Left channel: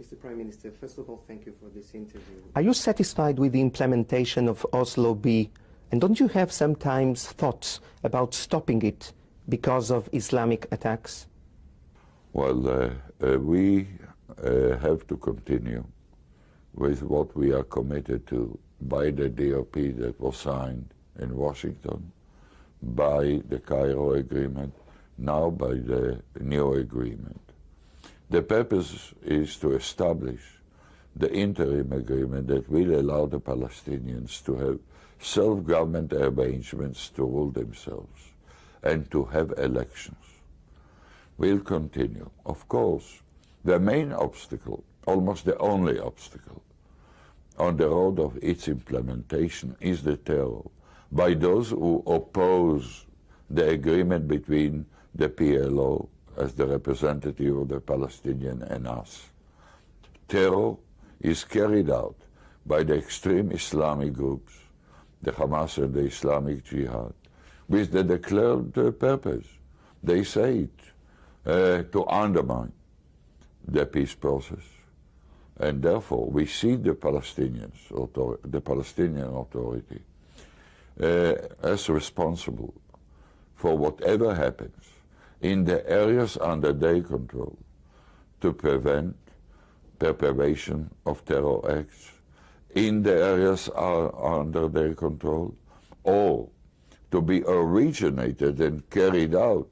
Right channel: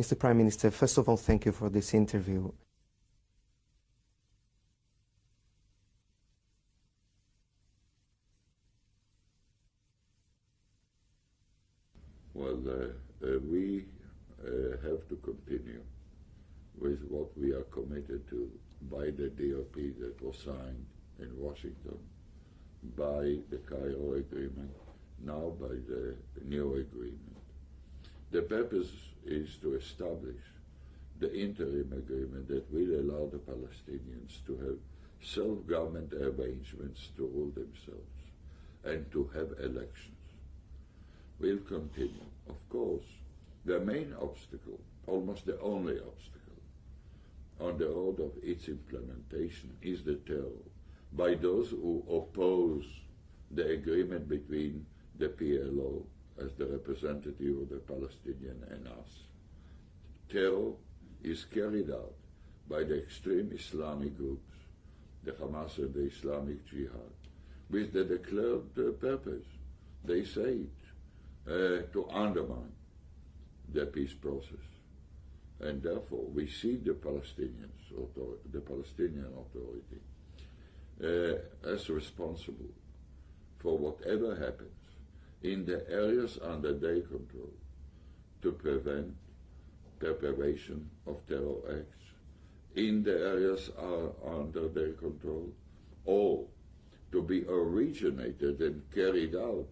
Mr. Prime Minister, first of all, thank you for this interview. Are you satisfied with the implementation of Oslo B? And don't you have sometimes thoughts about stopping it because of Islamic attacks? Well, we have to continue with what we are committed to by the DOP that was signed in Washington, by the Cairo Agreement, now by the new agreement. The purpose is to establish the interim agreement that will allow the Palestinians to have self-government arrangements to rule themselves and to have elections. We'll continue. Of course, the main obstacle, almost the only obstacle, on the road of its implementation is the terror by those who oppose the agreement between the PLO as the representative of the Palestinian and us. Terror is carried out by the extreme Islamic groups, the Hamas and the Islamic Jihad, with the declared purpose, they say it, to undermine the peace process. And therefore, we see the Palestinian Authority as responsible for whatever happens in the areas under their control to prevent perpetration of terror acts in the areas under their control, or to be originated and carried out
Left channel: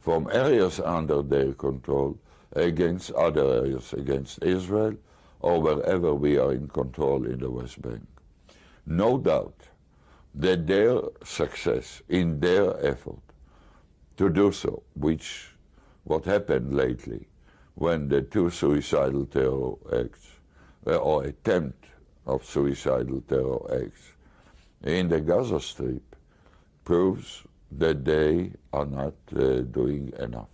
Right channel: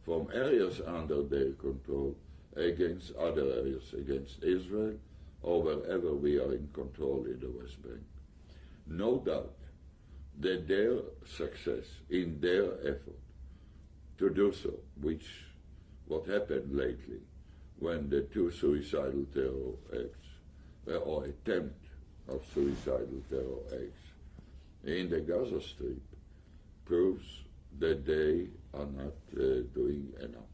from areas under their control against other areas, against Israel, or wherever we are in control in the West Bank. No doubt that their success in their effort to do so, which what happened lately when the two suicidal terror acts, or attempt of suicidal terror acts in the Gaza Strip, proves that they are not doing enough.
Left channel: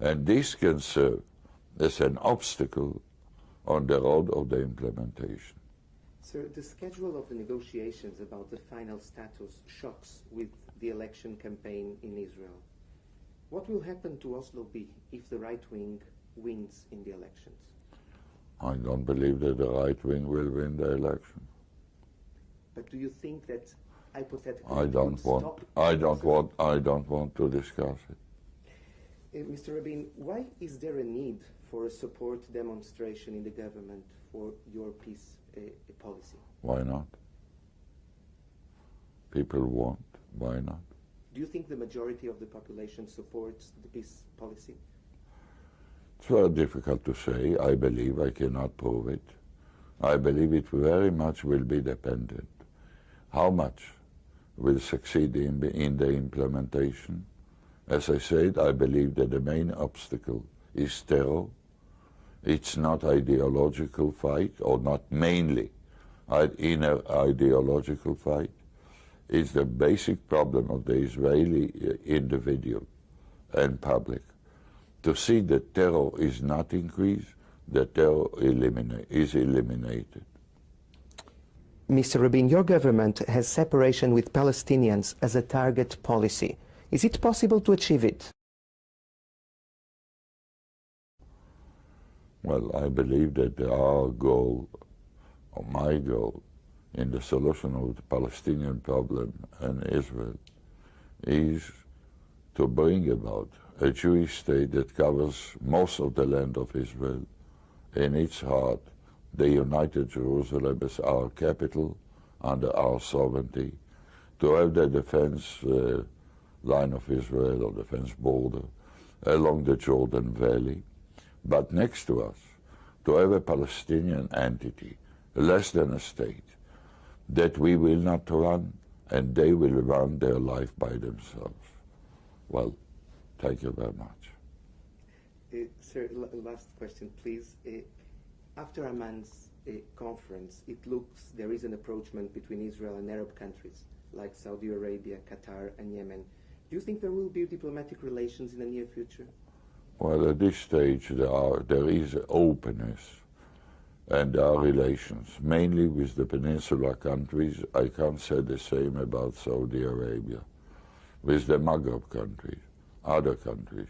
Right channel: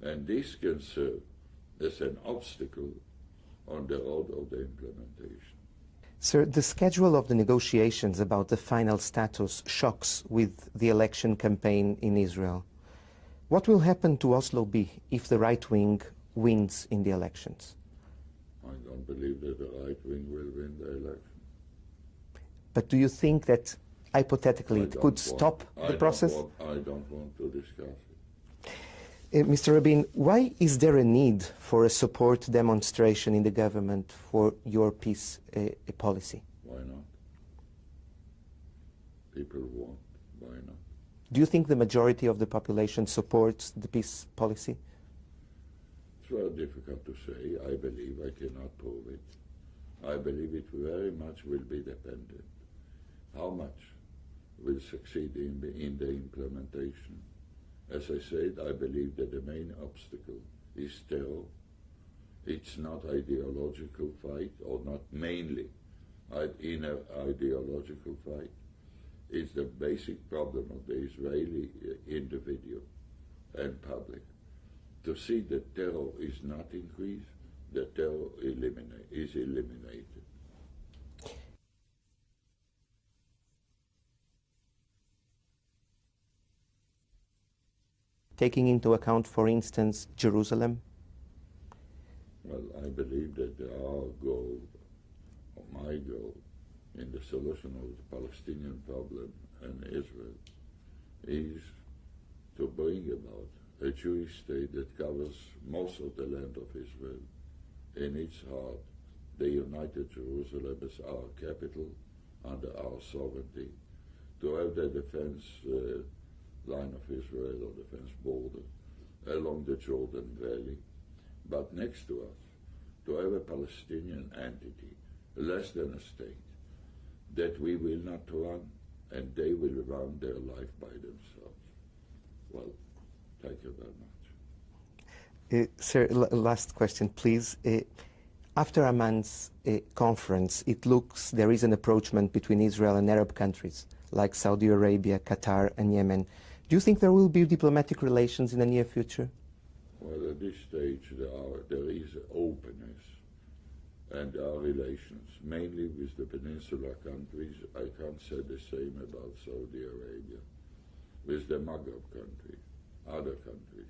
And this can serve as an obstacle on the road of the implementation. Sir, the schedule of the negotiations about the final status shocks with the election campaign in Israel. What will happen to Oslo B if the right wing wins in the elections? I don't believe that the right wing will win the election. But do you think that hypothetically it could stop the process? I don't want to discuss it. Mr. Rabin, why is there a need for a support demonstration in the government for your peace policy? Why not? People want. Why not? Do you think the majority of the population supports the peace policy? It's very difficult to say. I believe. I cannot prove it. I believe it very much will be dependent. How much will succeed in the implementation? As I said, I believe that the main obstacle is terror. It's not ideological fight, or not mainly inner ideological fight. It's the basic problem of the Israeli individual and public to see that terror is not increased, that terror is eliminated. Mr. Rabin, your government has separation with Palestinians as a target policy. Is it possible to achieve it, taking into account, for instance, Jerusalem? Well, I believe that our goal, or my goal, in the solution of the Palestinian problem and Israel is to bring about a Jewish state that covers most of the land of Israel. In its heart, the United Jerusalem is our capital under our sovereignty, to have the defense line of Israel, or defense border, along the Jordan Valley, but next to us, to have a Palestinian entity, less than a state, that we will not run, and they will run their life by themselves. Well, thank you very much. Sir, last question, please. After Amman's conference, it looks there is an approachment between Israel and Arab countries, like Saudi Arabia, Qatar, and Yemen. Do you think there will be diplomatic relations in the near future? Well, at this stage, there is openness, and there are relations, mainly with the Peninsula countries. I can't say the same about Saudi Arabia. With the Maghreb countries, other countries.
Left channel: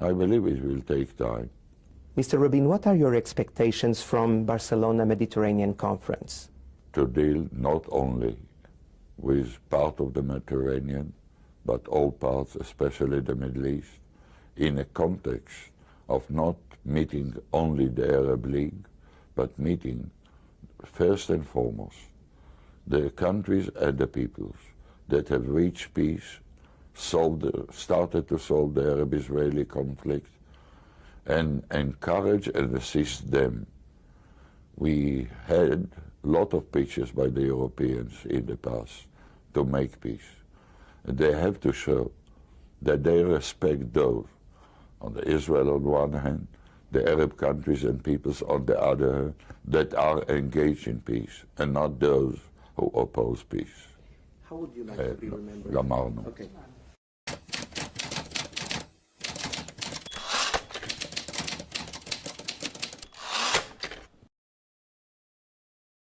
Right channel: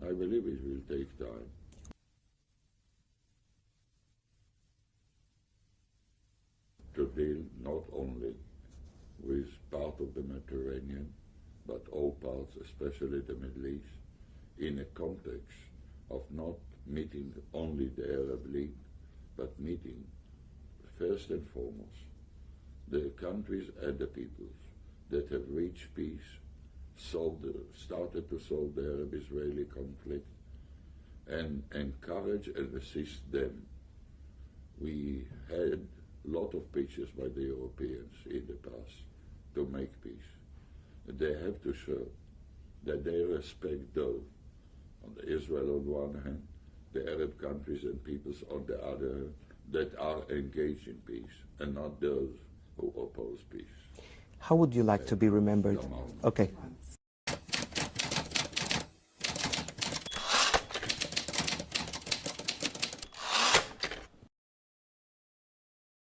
I believe it will take time. Mr. Rabin, what are your expectations from Barcelona Mediterranean Conference? To deal not only with part of the Mediterranean, but all parts, especially the Middle East, in a context of not meeting only the Arab League, but meeting first and foremost the countries and the peoples that have reached peace, started to solve the Arab-Israeli conflict, and encourage and assist them. We had a lot of pitches by the Europeans in the past to make peace. And they have to show that they respect those, on the Israel on one hand, the Arab countries and peoples on the other hand, that are engaged in peace, and not those who oppose peace. How would you like to be remembered? Gamarno. Okay.